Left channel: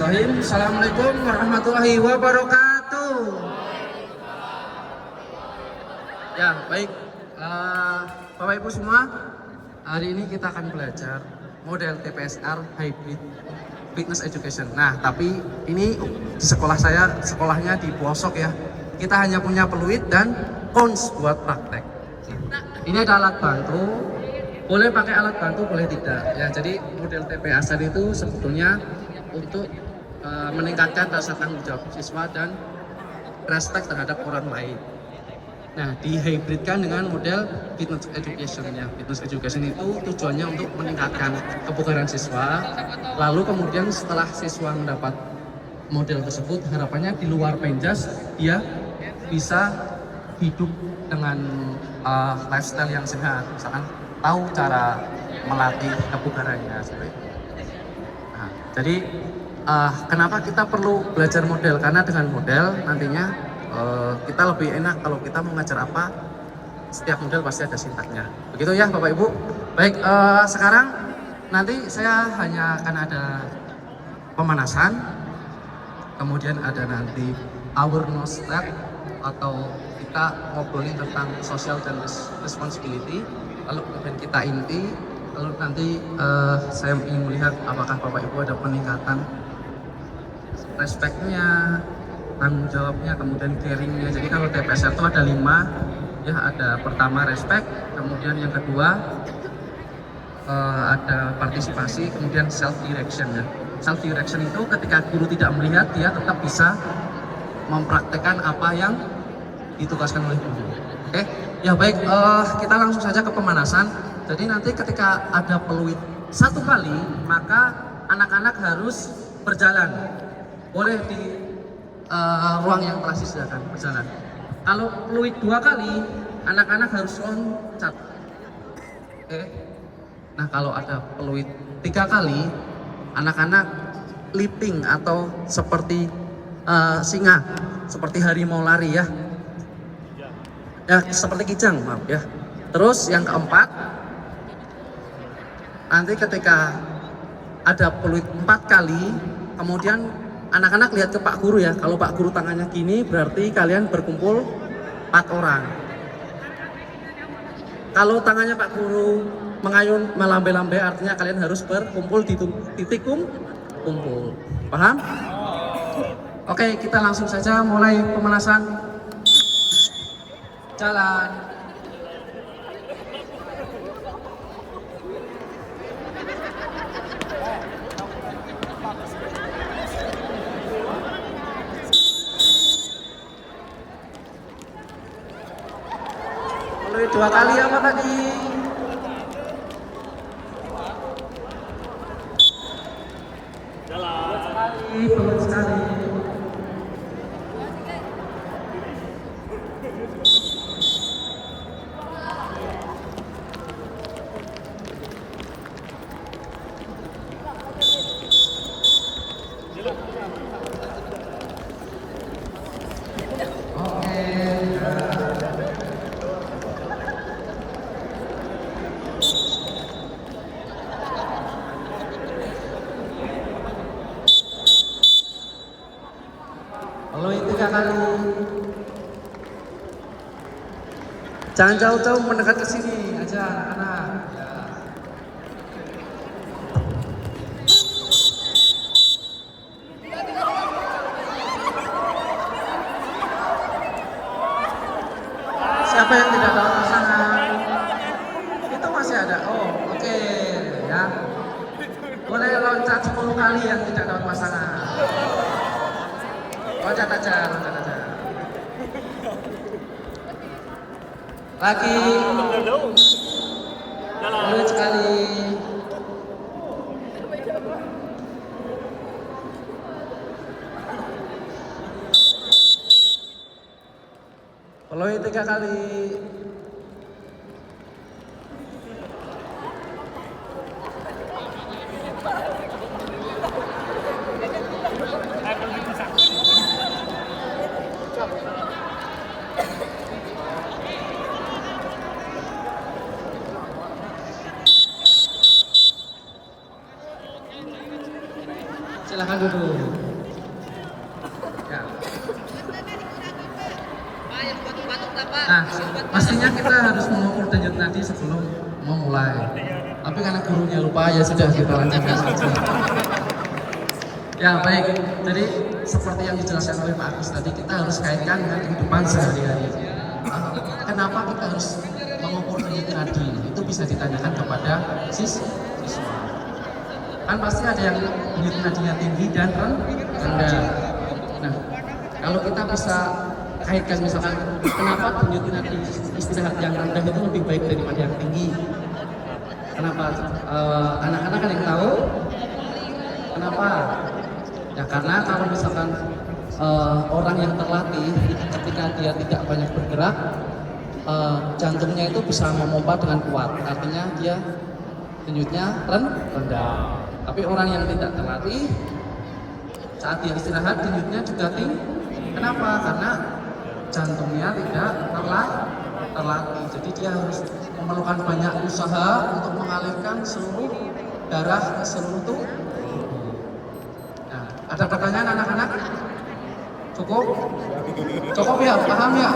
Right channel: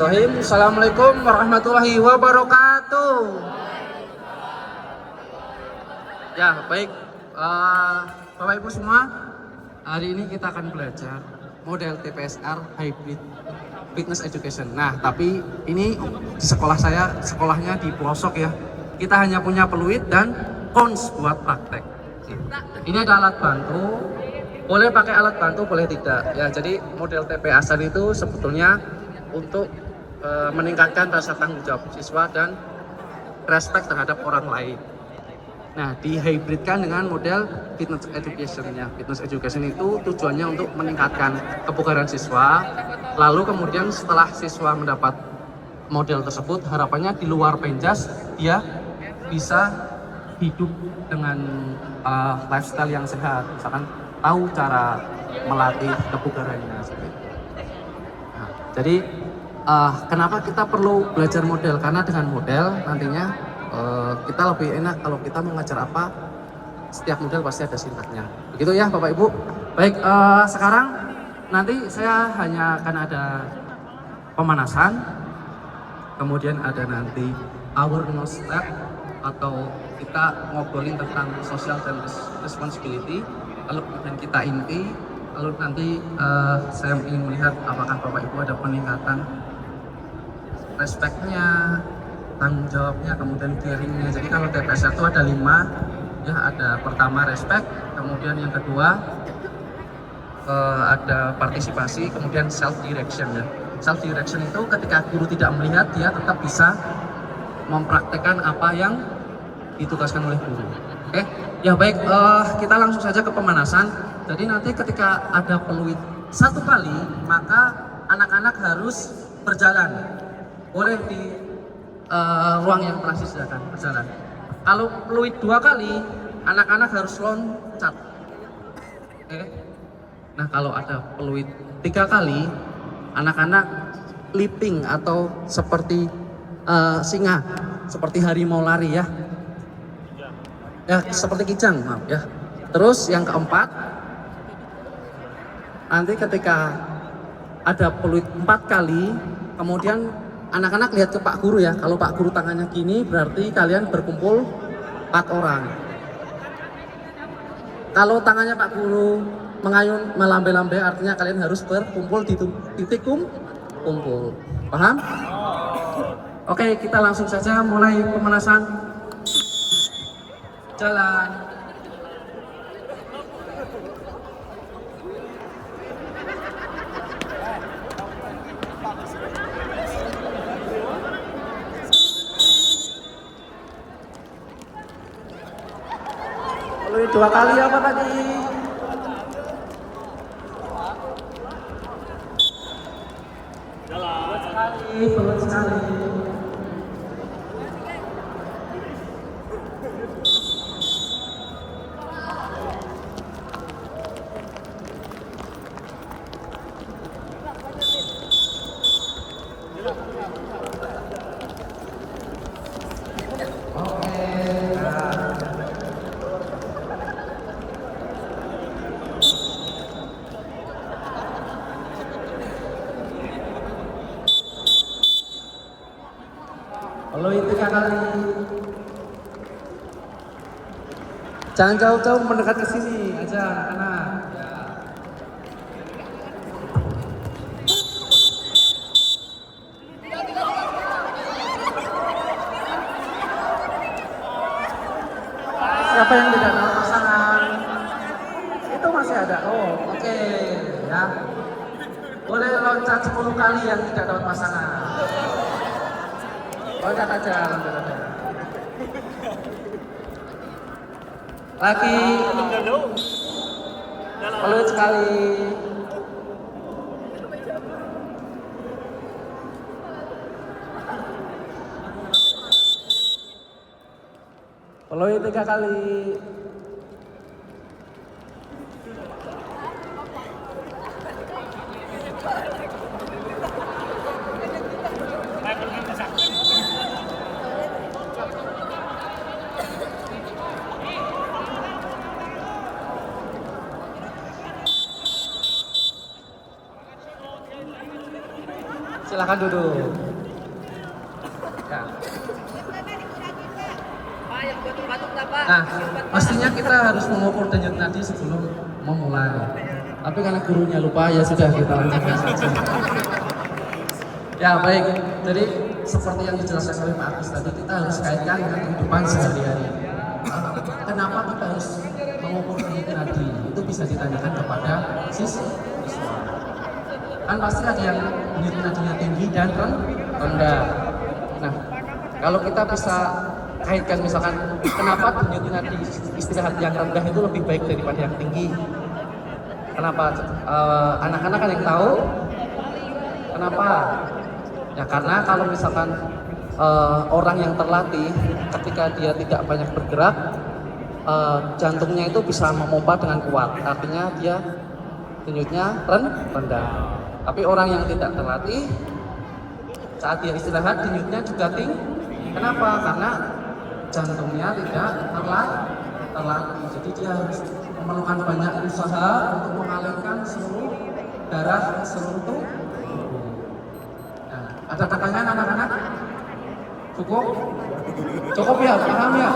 Assalamualaikum warahmatullahi wabarakatuh. Ya, baik. Bapak Ibu semua, hari ini kita akan belajar model TPSR Hybrid Fitness Education. Nah, tapi ini di sekolah saya, sekolahnya di pelosok ya. Kita hanya punya peluit dan cons buat praktek. Ini ada alat bantu, boleh pakai alat bantu, boleh tidak. Ya, jadi model TPSR itu sebetulnya untuk meningkatkan rasa tanggung jawab siswa dan respect terhadap orang lain. Nah, dihybridkan dengan model fitness education ya. Fitness education itu tujuannya untuk meningkatkan kebugaran siswa. Lalu kemudian setelah siswa mendapat model tersebut, harapannya di luar penjas dia bisa hidup dengan lifestyle yang sehat, misalkan tahu cara melatih kebugarannya. Nah, jadi kenapa kita perlu belajar model? Karena dengan model nantinya kita lebih enak kalau kita mengajar apa, setiap model pasti ada sintaknya. Begitu ya Bapak Ibu. Baik, sekarang nanti saya hanya akan ada pemanasan, kemudian ada nanti awareness step atau kita ngobrolin tentang social dan responsibility, lalu kemudian kita inti, lalu nanti saya ingin melihat apakah Bapak Ibu ada peningkatan respect-nya, tanggung jawabnya, kemudian caring-nya. Jadi kalau TPSR itu ada 5 ya, ada pertama respect, kemudian yang kedua ada partisipasi, kemudian self direction ya. Self direction itu ketika guru tidak melihat, dia tetap bisa mempraktekkan apa yang ditugaskan oleh guru. Oke, ya baik, kita langsung saja ke pemanasan. Jadi nanti ketika ada peluit 1 kali, maka anak-anak harus berjalan. Boleh di ruang yang telah disediakan berjalan. Kalau peluit 2 kali, anak-anak harus loncat. Oke. Nah, kalau ada peluit 3 kali, anak-anak leaping atau seperti singa, seperti harimau lari ya. Ya, seperti kijang, maaf ya. Terus yang keempat, nanti ketika ada peluit 4 kali, kemudian anak-anak lihat ke Pak Guru ya. Kalau Pak Guru tangannya gini, berarti kalian berkumpul 4 orang. Kalau tangannya Pak Guru mengayun melambai-lambai, artinya kalian harus berkumpul di titik kumpul. Paham? Oke, kita langsung saja mulai pemanasan. Jalan. Udah 2 kali apa tadi? Jalan. Pelan sekali. Peluit 3 kali. Jangan jauh-jauh, mendekat ke sini aja, kanan. Siapa yang tidak dapat pasangan? Itu masih ada. Oh, oke ya. Boleh loncat 10 kali yang tidak dapat pasangan. Loncat aja. Lagi. Boleh sekali. Boleh 3 kali. Silakan duduk. Nah, pastinya kita harus mengukur denyut nadi sebelum memulai. Tapi karena gurunya lupa ya sudah kita lanjutkan saja. Ya baik, jadi seperti yang dijelaskan oleh Pak Agus tadi, kita harus kaitkan dengan kehidupan sehari-hari. Kenapa kita harus mengukur denyut nadi? Itu bisa ditanyakan kepada siswa. Kan pasti ada yang denyut nadinya tinggi dan rendah. Nah, kalau kita bisa kaitkan misalkan kenapa denyut nadi istirahat yang rendah itu lebih baik daripada yang tinggi? Kenapa? Anak-anak ada yang tahu? Kenapa? Ya karena kalau misalkan orang yang terlatih ketika dia tidak banyak bergerak, jantungnya itu bisa memompa dengan kuat. Artinya dia denyutnya rendah. Tapi orang yang tidak terlatih saat dia istirahat denyutnya juga tinggi. Kenapa? Karena jantungnya tidak terlatih. Jadi dia harus memerlukan banyak usaha untuk mengalirkan seluruh darah ke seluruh tubuh. Nah, ada pertanyaan anak-anak? Cukup? Cukup ya? Paham ya?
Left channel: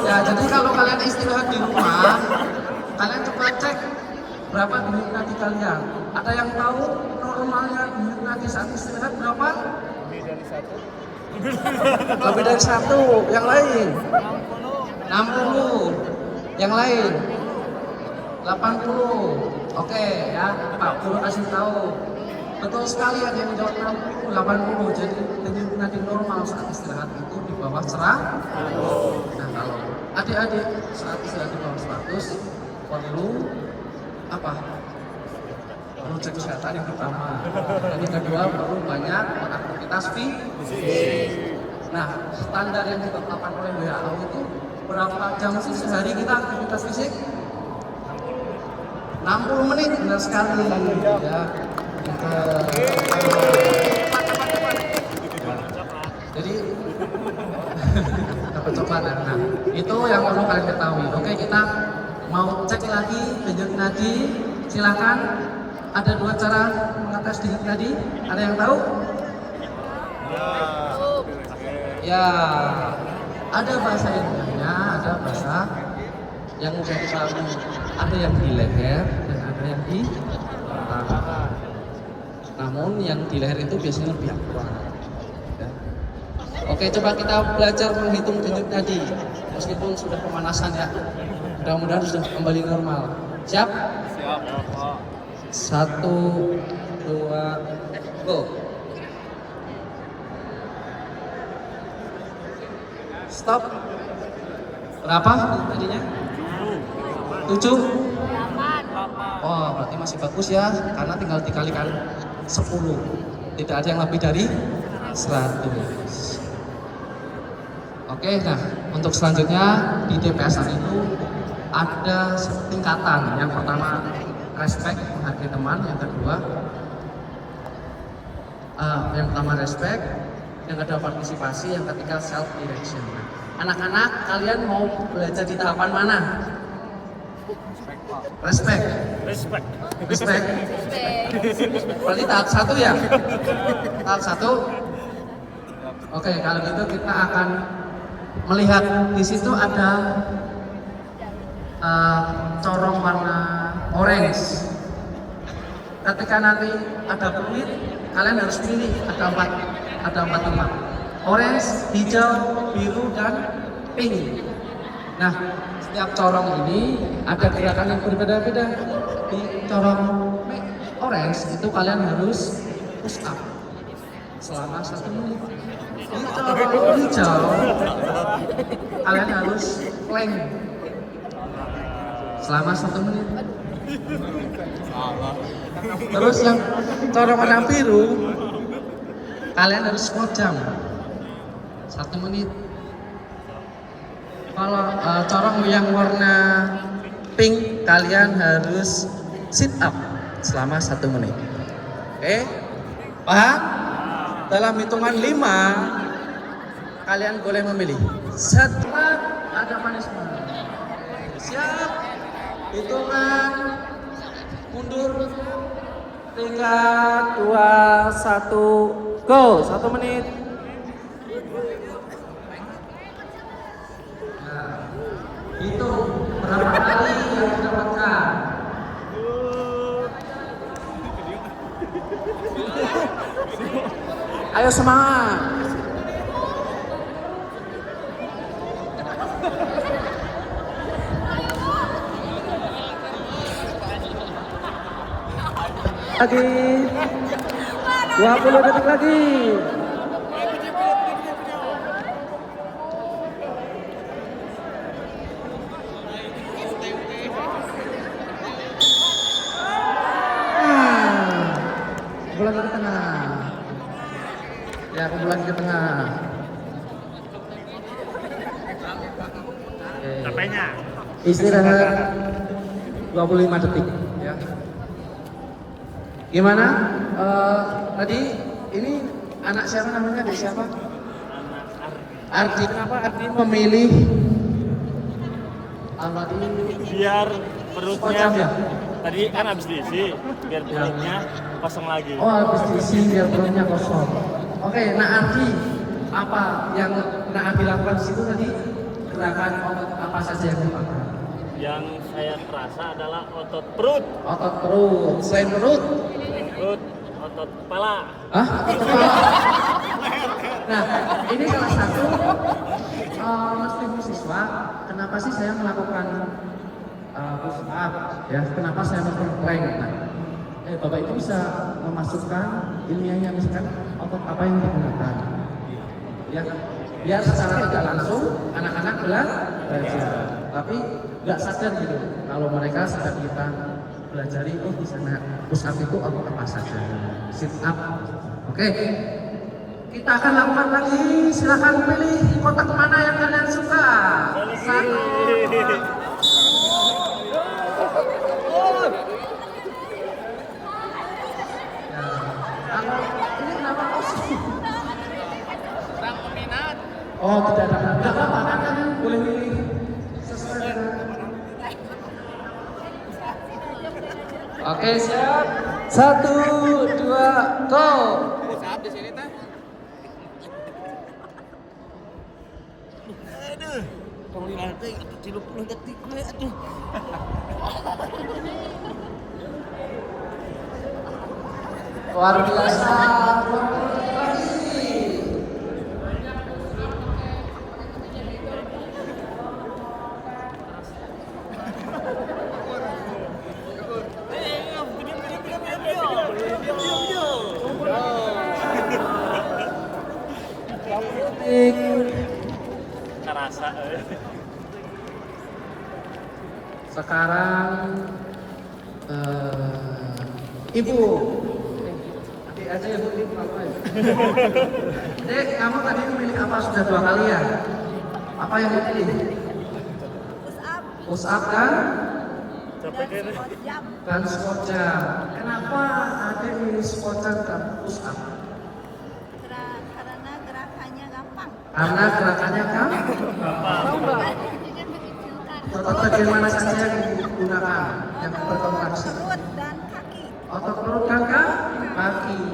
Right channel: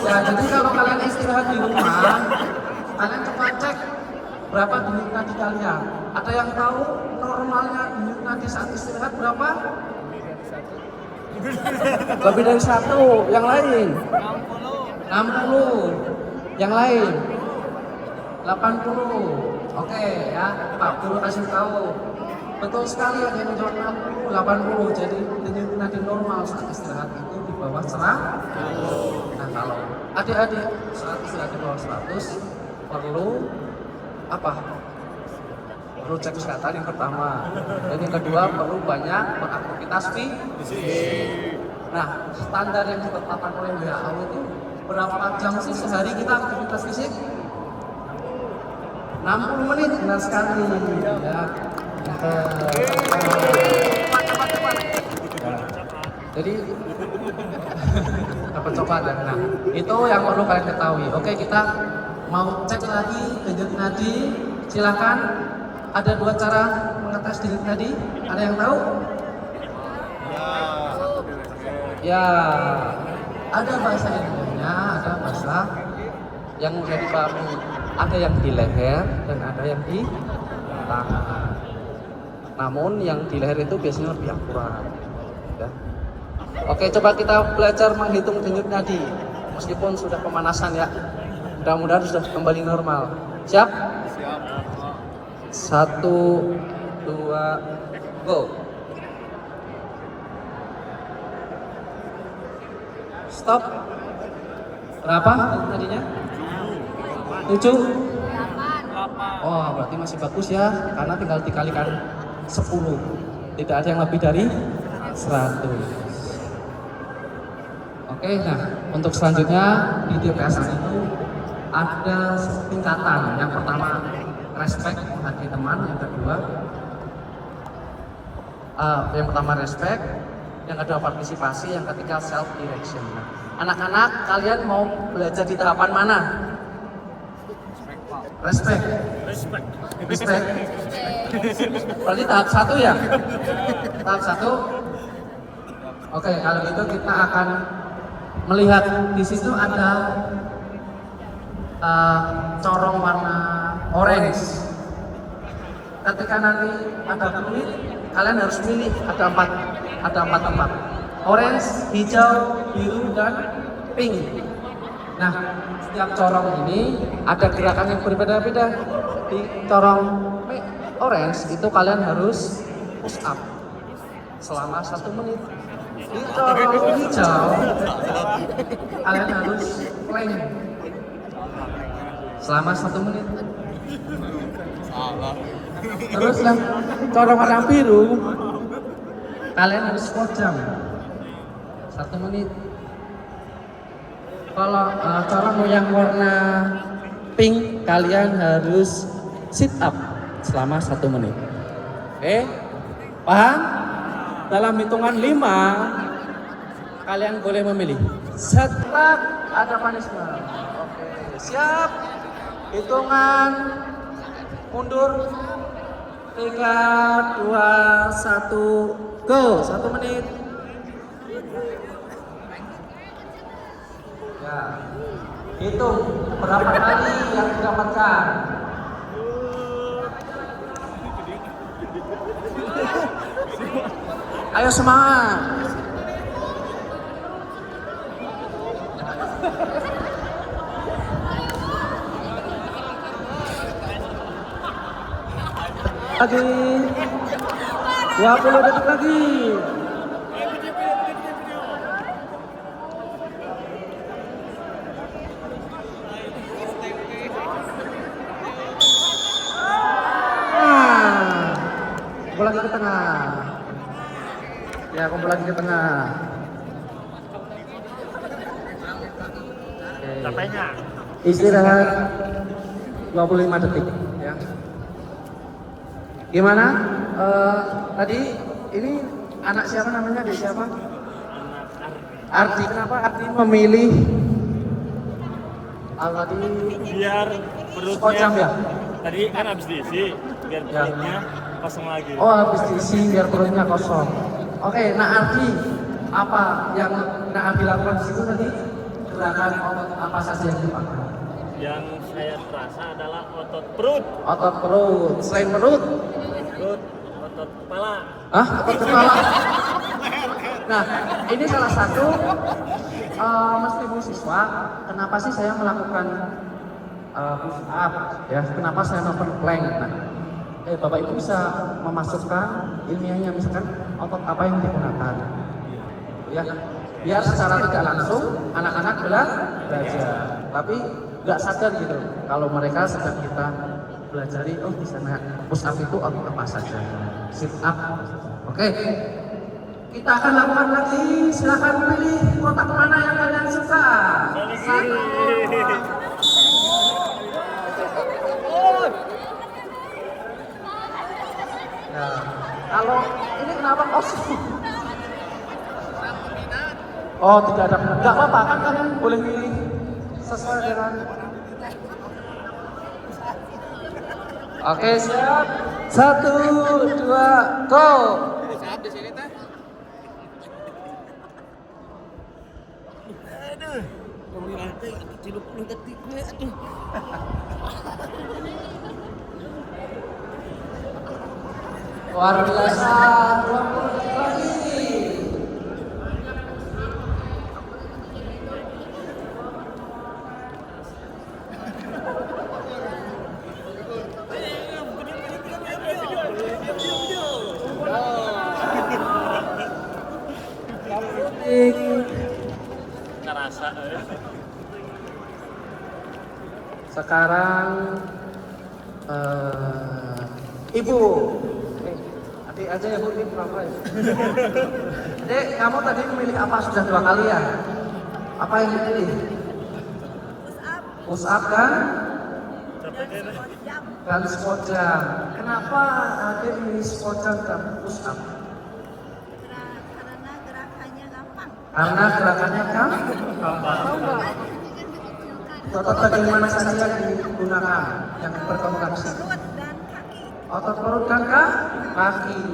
Ya, jadi kalau kalian istirahat di rumah, kalian coba cek berapa denyut nadi kalian. Ada yang tahu normalnya denyut nadi saat istirahat berapa? Lebih dari 1. Yang lain? 60. Yang lain? 80. Oke ya, Pak Guru kasih tahu. Betul sekali ada yang menjawab 60, 80. Jadi denyut nadi normal saat istirahat itu di bawah 100. Nah kalau adik-adik saat istirahat di bawah 100 perlu apa? Perlu cek kesehatan yang pertama. Dan yang kedua perlu banyak beraktivitas fisik. Nah standar yang ditetapkan oleh WHO itu berapa jam sehari kita aktivitas fisik? 60 menit, benar sekali ya. Jadi apa coba nah itu yang perlu kalian ketahui. Oke, kita mau cek lagi denyut nadi. Silakan, ada 2 cara mengetes denyut nadi. Ada yang tahu? Ya, ada bahasa Indonesia, ada bahasa yang menjadi baku. Ada yang di leher dan ada yang di tangan. Namun yang di leher itu biasanya lebih akurat. Ya. Oke, coba kita belajar menghitung denyut nadi. Meskipun sudah pemanasan ya. Mudah-mudahan sudah kembali normal. Siap? Siap. 1, 2, go. Stop. Berapa tadinya? 7? 8. Oh, berarti masih bagus ya, karena tinggal dikalikan 10. Tidak ada yang lebih dari 100. Oke, nah untuk selanjutnya di DPSR itu ada tingkatan. Yang pertama respect, menghargai teman. Yang kedua yang pertama respect, yang kedua partisipasi, yang ketiga self direction. Anak-anak, kalian mau belajar di tahapan mana? Respect. Berarti tahap 1 ya? Tahap 1. Oke, kalau gitu kita akan melihat di situ ada corong warna orange. Ketika nanti ada peluit, kalian harus pilih ada empat tempat. Orange, hijau, biru, dan pink. Nah, setiap corong ini ada gerakan yang berbeda-beda. Di corong orange itu kalian harus push up selama 1 menit. Di corong hijau kalian harus plank selama 1 menit. Terus yang corong warna biru kalian harus squat jump 1 menit. Kalau corong yang warna pink kalian harus sit up selama 1 menit. Paham? Dalam hitungan 5 kalian boleh memilih. Setelah ada punishment. Siap? Hitungan mundur. 3, 2, 1, go. 1 menit. Ya. Hitung berapa kali yang didapatkan. Ayo semangat. Lagi 20 detik lagi. Bola ke tengah. Ya, bola ke tengah. Capeknya. Istirahat 25 detik. Ya. Gimana? Tadi ini anak siapa namanya? Adik siapa? Anak Ardi. Kenapa Ardi memilih alat ini? biar Kocak perutnya ya? tadi kan habis diisi, biar perutnya kosong lagi. Oh, habis diisi biar perutnya kosong. Oke, nah Ardi, apa yang Ardi lakukan di situ tadi? Gerakan otot apa saja yang dipakai? Yang saya terasa adalah otot perut, Otot perut, selain perut. otot kepala. Hah? Nah, ini salah satu Mas siswa. Kenapa sih saya melakukan push up? Ya, kenapa saya melakukan plank? Nah, Bapak Ibu bisa memasukkan ilmiahnya misalkan otot apa yang digunakan. Ya, biar secara tidak langsung anak-anak belajar, tapi nggak sadar gitu. Kalau mereka sadar kita pelajari, oh di sana push up itu apa saja, sit up. Oke, kita akan lakukan lagi. Silakan pilih kotak mana yang kalian suka. Satu. Nah, kalau ini kenapa kosong? Oh, tidak ada. Enggak apa-apa, kan kalian boleh pilih sesuai dengan. Oke, siap. 1, 2, go. Saat di sini teh. Aduh, tolong dilatih, 30 detik gue, aduh. Luar biasa, 20 detik lagi. Terasa. Sekarang Ibu. Adik aja ya Bu, ini apa ya? Dek, kamu tadi memilih apa? Sudah 2 kali ya? Apa yang dipilih? Push up kan? Dan squat jump. Kenapa adik milih squat jump dan push up? Karena gerakannya gampang. Karena gerakannya kan? Tahu nggak? Otot bagian mana saja yang digunakan, yang berkontraksi? Perut dan kaki. Otot perut dan kaki.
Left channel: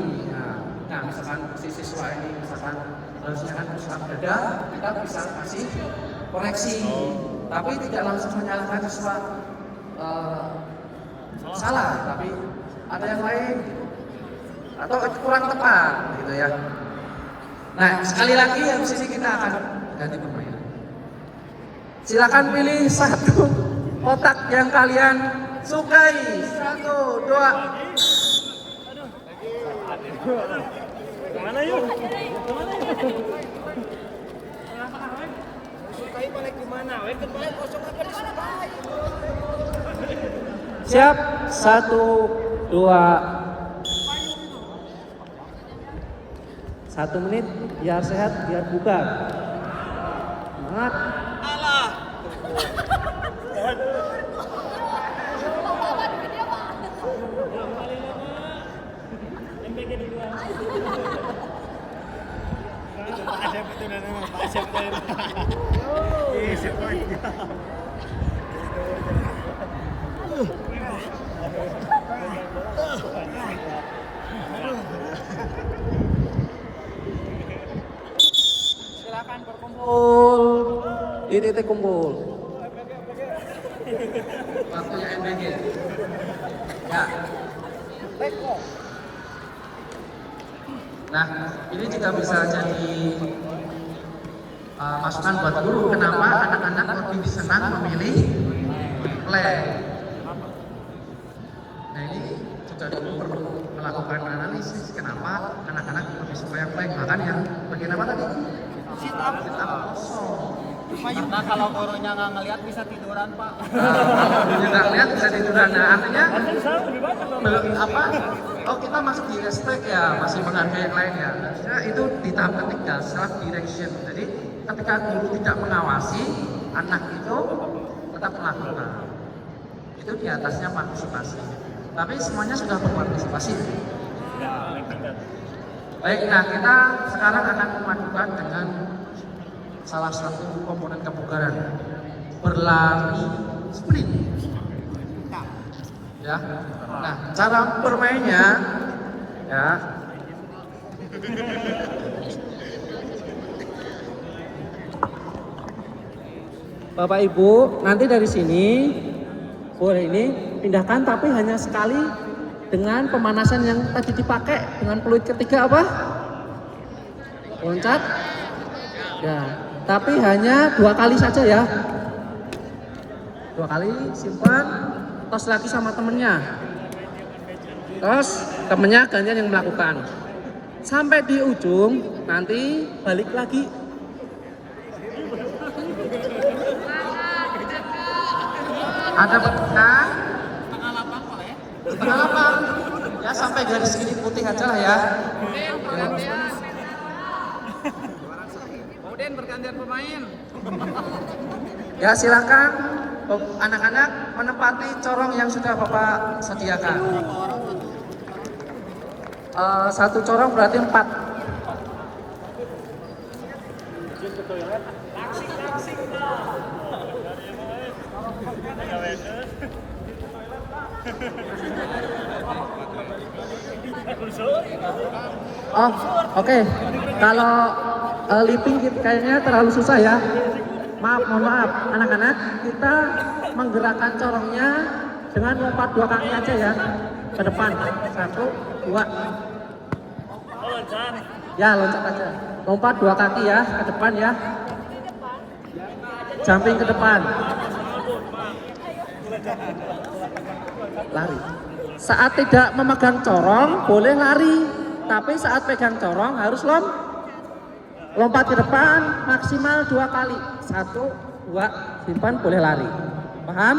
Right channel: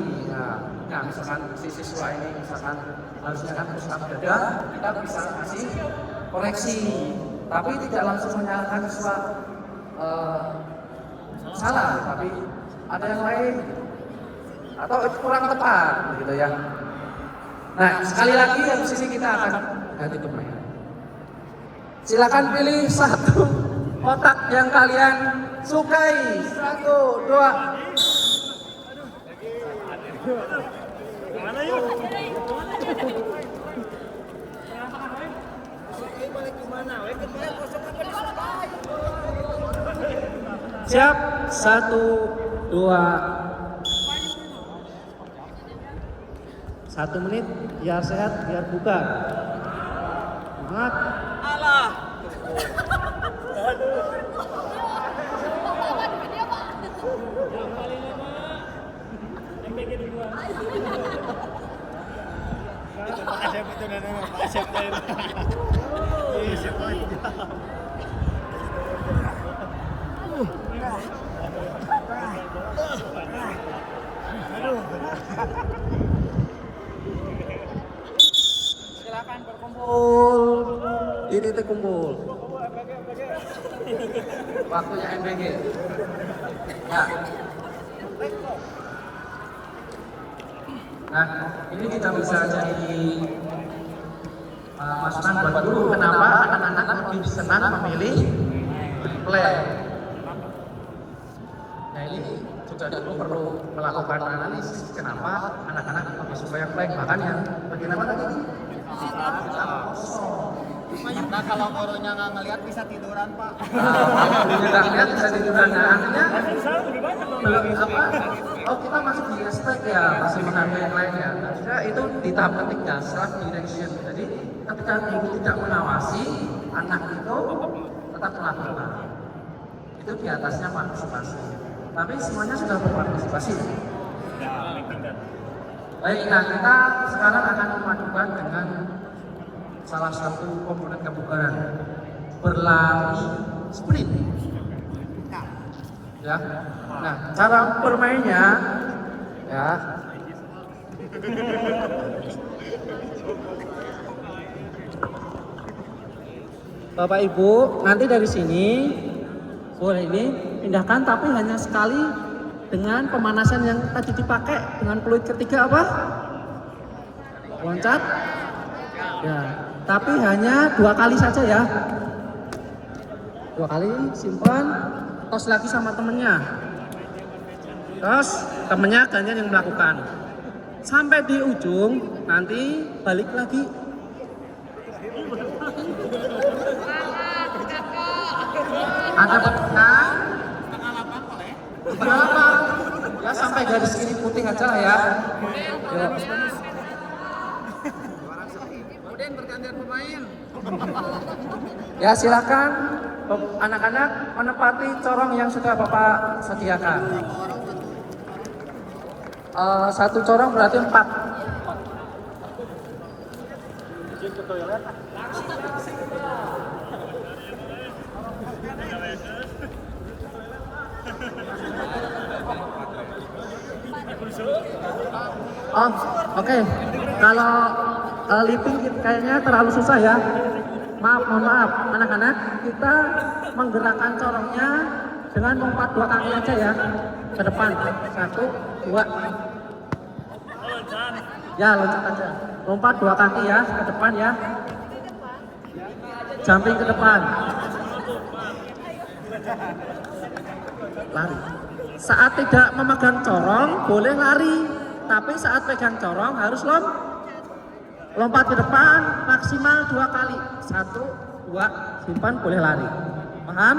Nah, misalkan si siswa ini misalkan harusnya kan push up dada, kita bisa kasih koreksi, tapi tidak langsung menyalahkan siswa salah, tapi ada yang lain atau kurang tepat, gitu ya. Nah, sekali lagi yang sini kita akan ganti pemain. Silakan pilih satu otak yang kalian sukai. 1, 2. Mana yuk? Sukai balik gimana? Kemarin kosong apa disukai? Siap, 1, 2. 1 menit, biar sehat, biar buka. Semangat. Alah. MBG duluan. Itu Pak Asep itu nama Pak Asep tadi. Ih, siapa aja. Silakan berkumpul di titik kumpul. Waktunya MBG. Ya. Nah, ini juga bisa jadi masukan buat guru. Kenapa anak-anak lebih senang memilih play? Nah, ini juga guru perlu melakukan analisis kenapa anak-anak lebih suka yang play. Bahkan yang bagian apa tadi? Kita kosong. Karena kalau gurunya nggak ngeliat bisa tiduran Pak. Nggak lihat bisa tiduran. Nah, artinya lebih banyak dong. apa? Oh, kita masih di aspek ya, masih menghargai yang lain ya. Artinya itu di tahap ketiga, self direction. Jadi ketika guru tidak mengawasi, anak itu tetap melakukan. Itu di atasnya partisipasi. Tapi semuanya sudah berpartisipasi. Baik, nah kita sekarang akan memadukan dengan salah satu komponen kebugaran, berlari sprint. Ya. Nah, cara bermainnya ya. Bapak Ibu, nanti dari sini boleh ini pindahkan, tapi hanya sekali dengan pemanasan yang tadi dipakai dengan peluit ketiga apa? Loncat. Ya, tapi hanya 2 kali saja ya. 2 kali simpan, tos lagi sama temennya. Terus temennya gantian yang melakukan. Sampai di ujung nanti balik lagi. Ada pernah? Setengah 8 ya, sampai garis ini putih aja lah ya. Kemudian bergantian pemain. Ya, silakan anak-anak menempati corong yang sudah Bapak sediakan. Satu corong berarti 4. Oh, oke. Kalau leaping kayaknya terlalu susah ya. Mohon maaf, anak-anak, kita menggerakkan corongnya dengan lompat 2 kaki aja ya, ke depan. 1, 2. Ya, loncat aja. Lompat 2 kaki ya, ke depan ya. Jumping ke depan. Lari. Saat tidak memegang corong boleh lari, tapi saat pegang corong harus lompat ke depan maksimal 2 kali. 1, 2, simpan, boleh lari. Paham?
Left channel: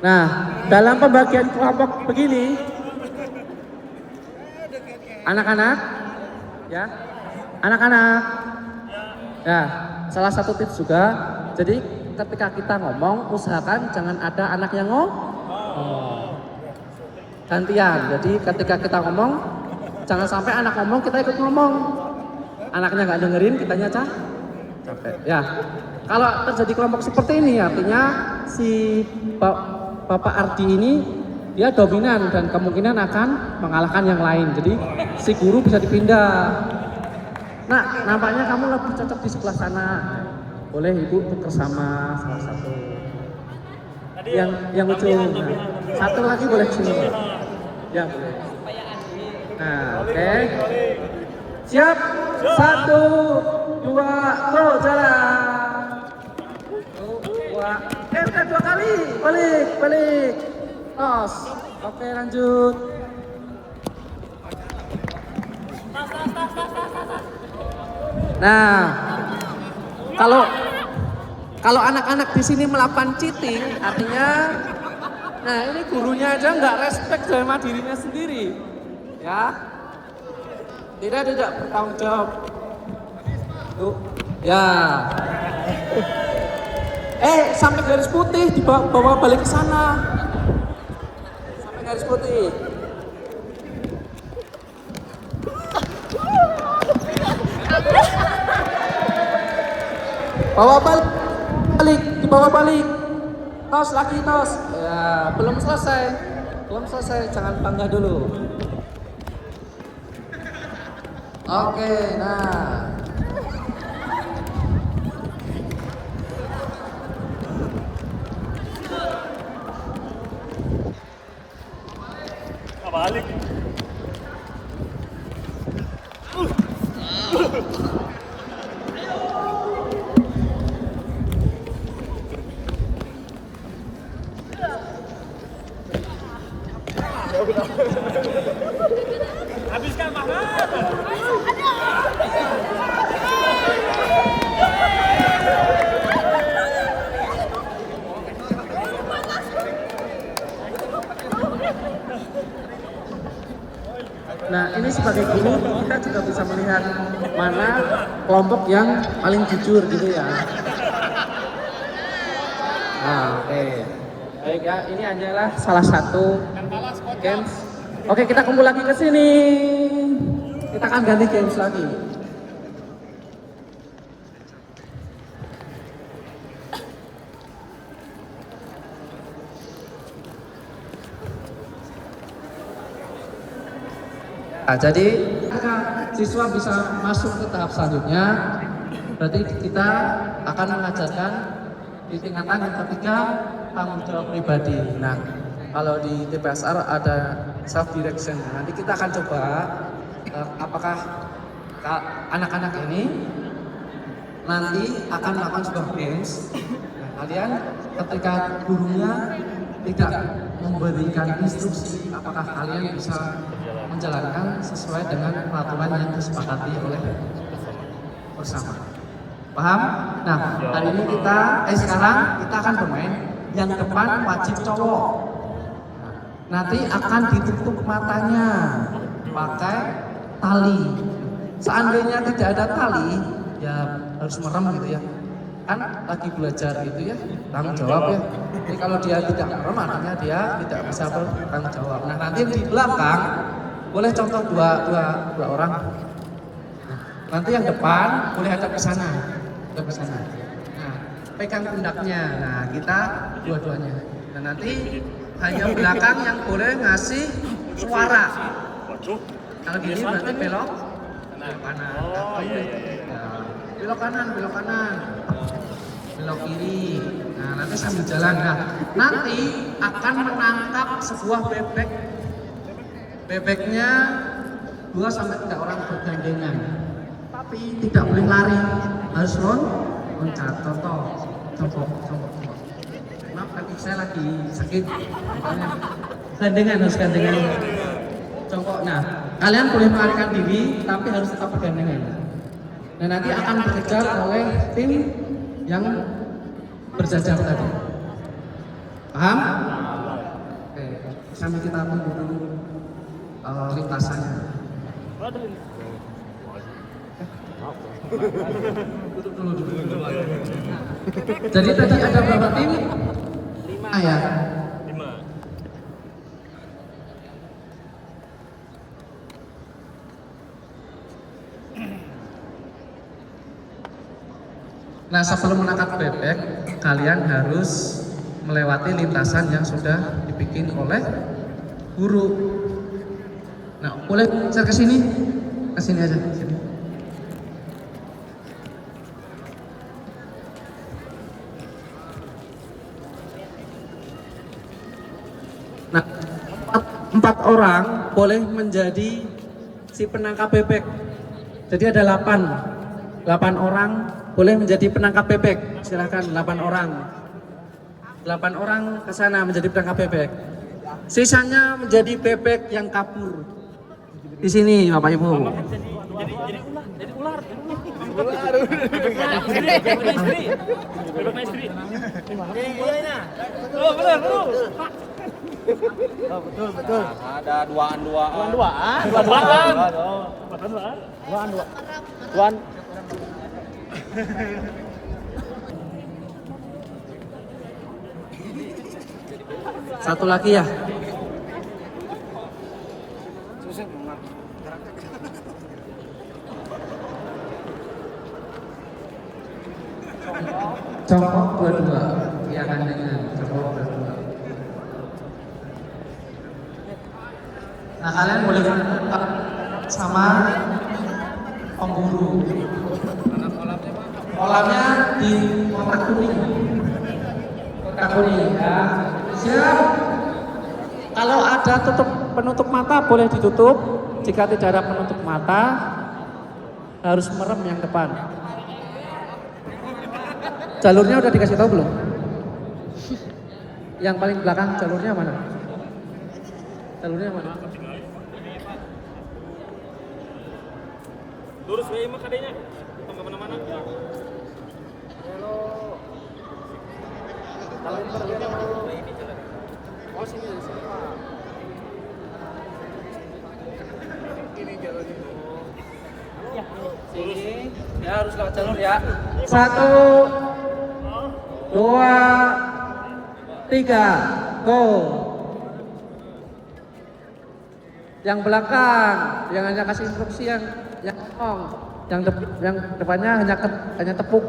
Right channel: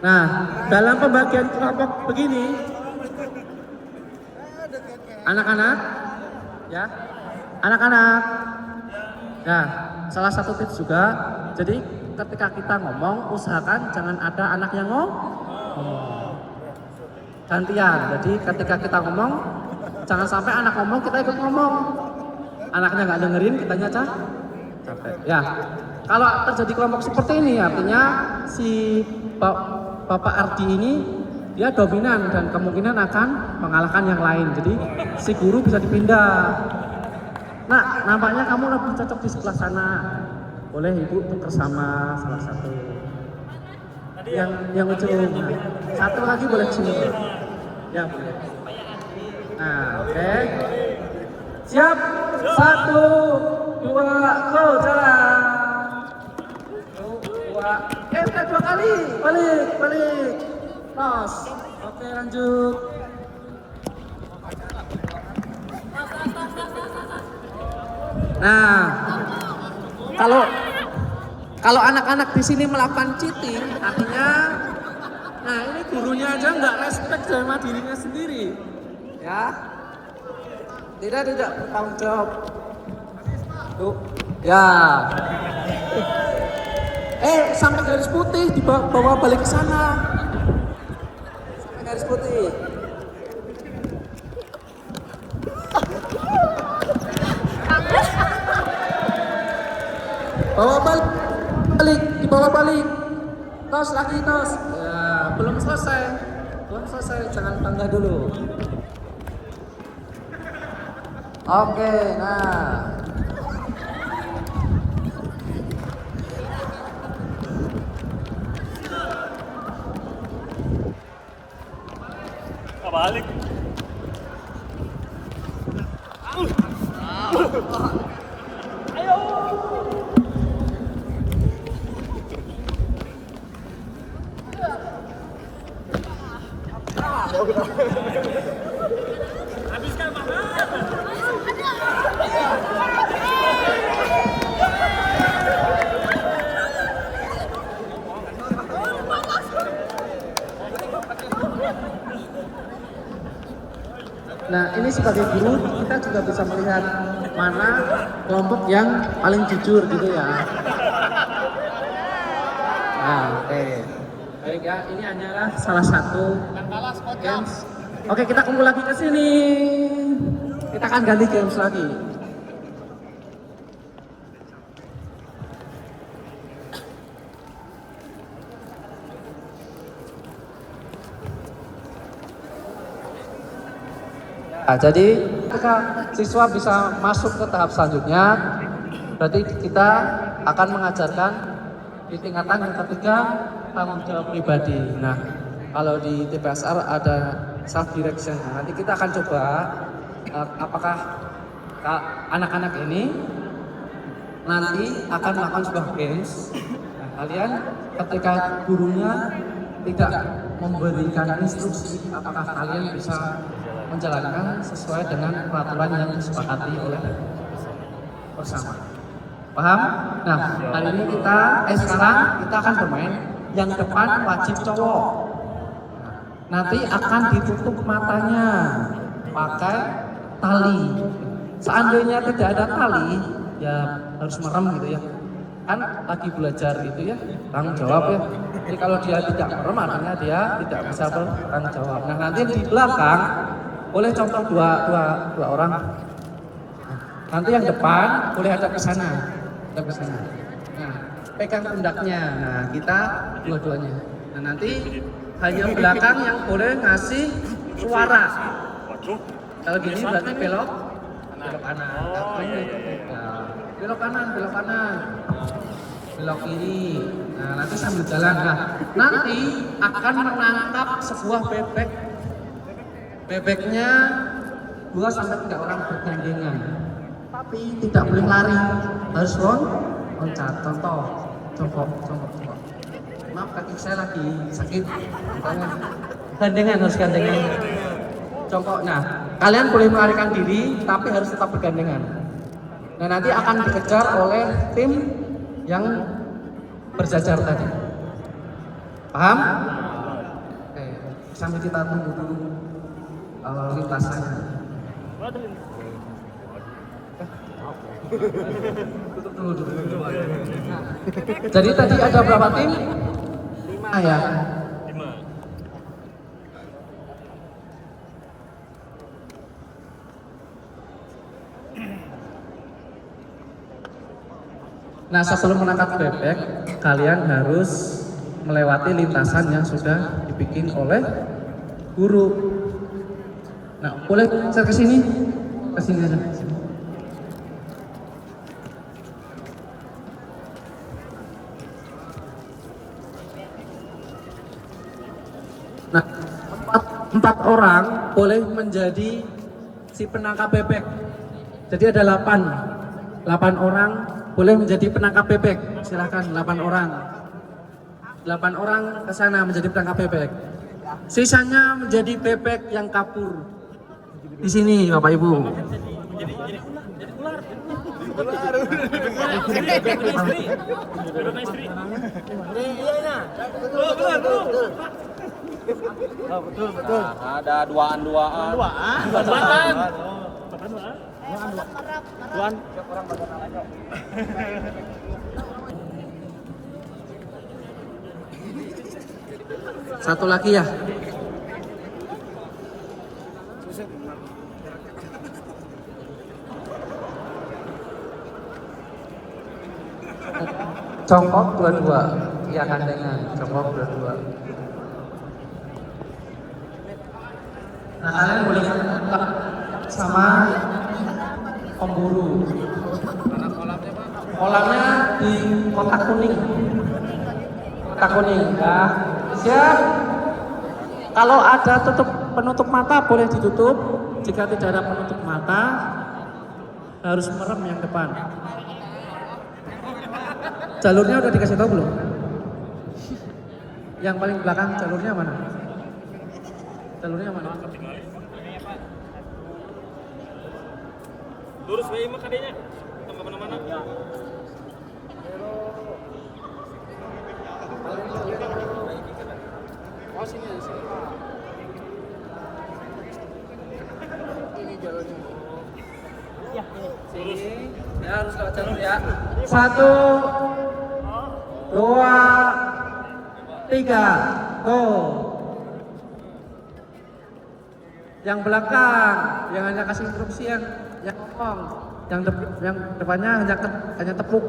Nah, dalam pembagian kelompok begini, anak-anak, ya, anak-anak. Nah, salah satu tips juga, jadi ketika kita ngomong, usahakan jangan ada anak yang ngomong. Gantian, jadi ketika kita ngomong, jangan sampai anak ngomong, kita ikut ngomong. Anaknya nggak dengerin, kitanya capek. Ya, kalau terjadi kelompok seperti ini, artinya si Bapak Ardi ini, dia dominan dan kemungkinan akan mengalahkan yang lain. Jadi si guru bisa dipindah. Nah, nampaknya kamu lebih cocok di sebelah sana. Boleh ibu bersama salah satu. Yang ujung. Satu lagi boleh sini. Ya boleh. Nah, oke. Siap. 1, 2, go, jalan. 2 kali. Balik. Tos. Oke, lanjut. Nah, kalau anak-anak di sini melakukan cheating, artinya, nah ini gurunya aja nggak respect sama dirinya sendiri, ya, tidak bertanggung jawab. Tuh, ya. Sampai garis putih dibawa balik ke sana, sampai garis putih. Dibawa balik, tos lagi, tos. Ya, belum selesai, jangan bangga dulu. Oke, nah. kelompok yang paling jujur gitu ya. Oke. Baik ya, ini hanyalah salah satu games. Oke, kita kumpul lagi ke sini. Kita akan ganti games lagi. Nah, jadi ketika siswa bisa masuk ke tahap selanjutnya, berarti kita akan mengajarkan di tingkatan yang ketiga tanggung jawab pribadi. Nah, kalau di TPSR ada self direction. Nah, nanti kita akan coba apakah anak-anak ini nanti akan melakukan sebuah games. Kalian ketika gurunya tidak memberikan instruksi, apakah kalian bisa menjalankan sesuai dengan peraturan yang disepakati oleh bersama. Paham? Nah, hari ini sekarang kita akan bermain yang depan wajib cowok. Nanti akan ditutup matanya pakai tali. Seandainya tidak ada tali, ya harus merem gitu ya. Kan lagi belajar gitu ya, tanggung jawab ya. Jadi kalau dia tidak merem, artinya dia tidak bisa bertanggung jawab. Nah, nanti di belakang boleh copot dua orang. Nanti yang depan boleh ada ke sana, Nah, pegang pundaknya. Nah, kita dua-duanya. Nah, nanti hanya belakang yang boleh ngasih suara. Waduh. Kalau gini berarti belok Kanan. kanan. Oh, iya. Nah, belok kanan, belok kiri. Nah, nanti sambil jalan. Nah, nanti akan menangkap sebuah bebek. Bebeknya 2 sampai 3 orang bergandengan. Tapi tidak boleh lari, harus loncat. Contoh. Maaf, kaki saya lagi sakit. Makanya harus gandengan. Contohnya, kalian boleh melarikan diri, tapi harus tetap bergandengan. Nah, nanti akan dikejar oleh tim yang berjajar tadi. Paham? Oke, sambil kita tunggu dulu lintasannya. Waduh. Tutup dulu. Jadi tadi ada berapa tim? 5 ya. 5. Nah, sebelum menangkap bebek, kalian harus melewati lintasan yang sudah dibikin oleh guru. Nah, boleh saya ke sini aja. Sini. Nah, 4 orang boleh menjadi si penangkap bebek. Jadi ada 8 orang boleh menjadi penangkap bebek. Silakan 8 orang. 8 orang ke sana menjadi penangkap bebek. Sisanya menjadi bebek yang kabur. Di sini Bapak Ibu. Betul. Ada duaan. Duaan. Satu lagi ya. Congkok 22. Iya kandangnya. Congkok 22. Nah, kalian boleh sama pemburu. Kolamnya di kotak kuning. Ya. Siap. Kalau ada penutup mata boleh ditutup. Jika tidak ada penutup mata, harus merem yang depan. Jalurnya udah dikasih tahu belum? Yang paling belakang jalurnya mana? Lurus wae mah kadenya. Tong ke mana-mana. Oh, sini Pak. Ini jalurnya. Lurus. Sini. Ya harus lewat jalur ya. 1, 2, 3, go. Yang belakang, yang hanya kasih instruksi yang yang depannya hanya tepuk.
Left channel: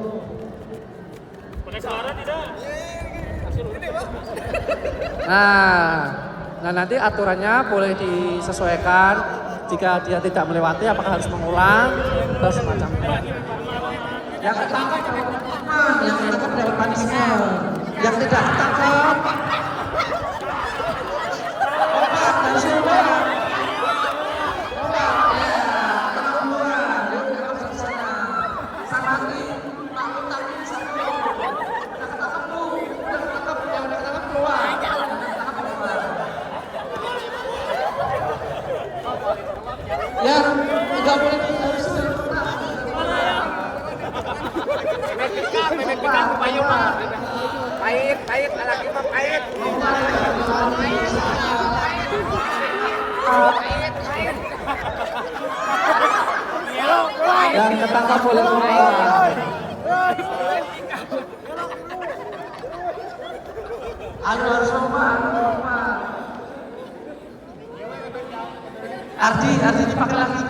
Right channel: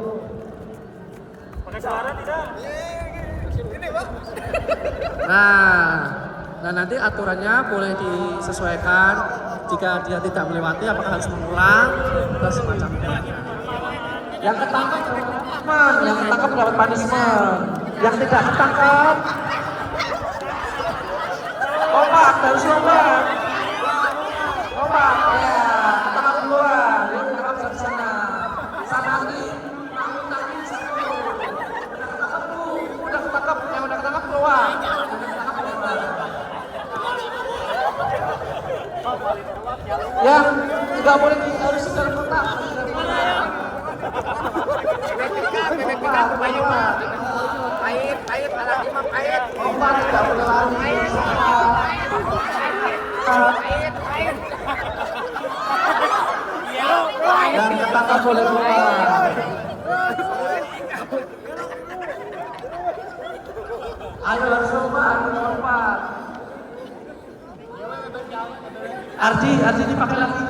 Pakai suara tidak? Nah nanti aturannya boleh disesuaikan jika dia tidak melewati apakah harus mengulang atau semacamnya. Yang ditangkap dapat punishment, yang tidak ditangkap ya tidak boleh harus lompat. Ardi dipakai lagi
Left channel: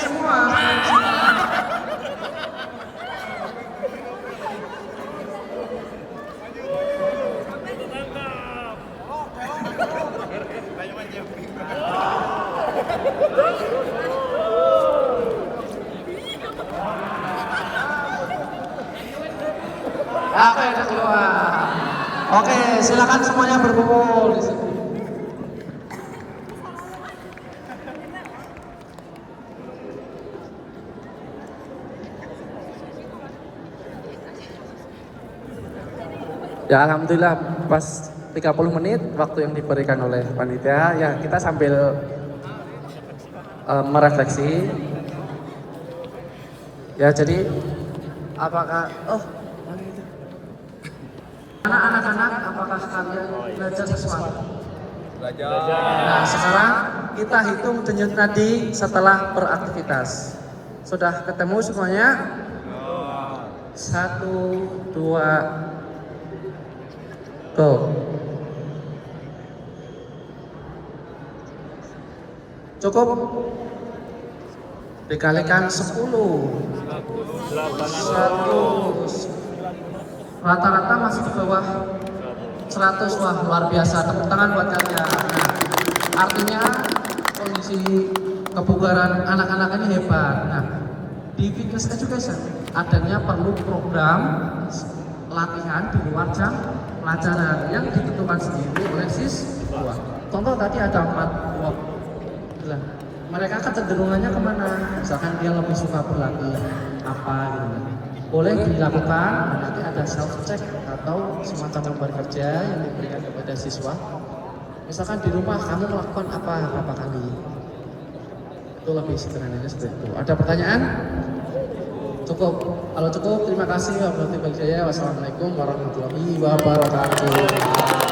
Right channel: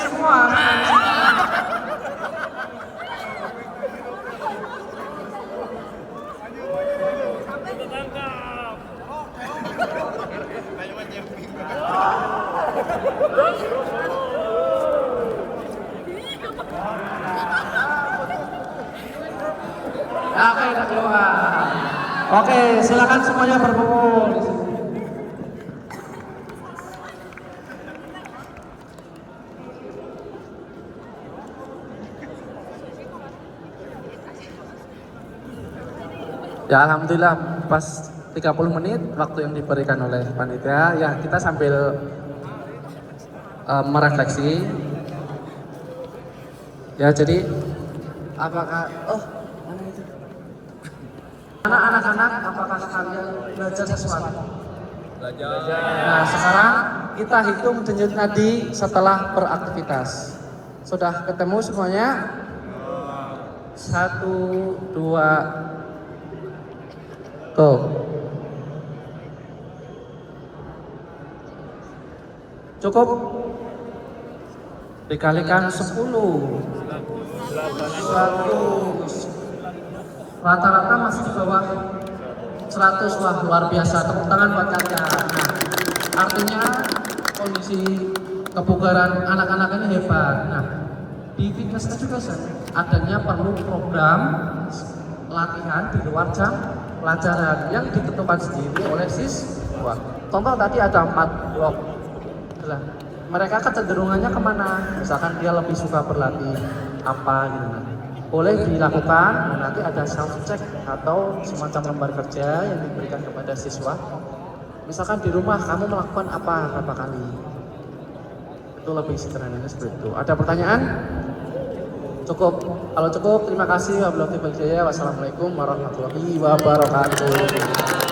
semua. Oke, silakan semuanya berkumpul di sini. Ya alhamdulillah pas 30 menit waktu yang diberikan oleh panitia ya kita sambil merefleksi ya jadi apakah mana itu anak-anak apakah kalian belajar sesuatu? Nah sekarang kita hitung denyut nadi setelah beraktivitas. Sudah ketemu semuanya? 1, 2, go. Cukup? Dikalikan 10. 100. Rata-rata masih di bawah 100. Wah luar biasa, tepuk tangan buat kalian. Nah, artinya kondisi kebugaran anak-anak ini hebat. Nah, di Fitness Education adanya perlu program latihan di luar jam pelajaran yang ditentukan sendiri oleh siswa. Contoh tadi ada 4 blok. Mereka kecenderungannya kemana? Misalkan dia lebih suka berlatih apa gitu. Boleh dilakukan, nanti ada self check atau semacam beban kerja yang diberikan kepada siswa. Misalkan di rumah kami melakukan apa berapa kali. Itu lebih sederhananya seperti itu. Ada pertanyaan? Cukup. Kalau cukup, terima kasih. Wassalamualaikum warahmatullahi wabarakatuh.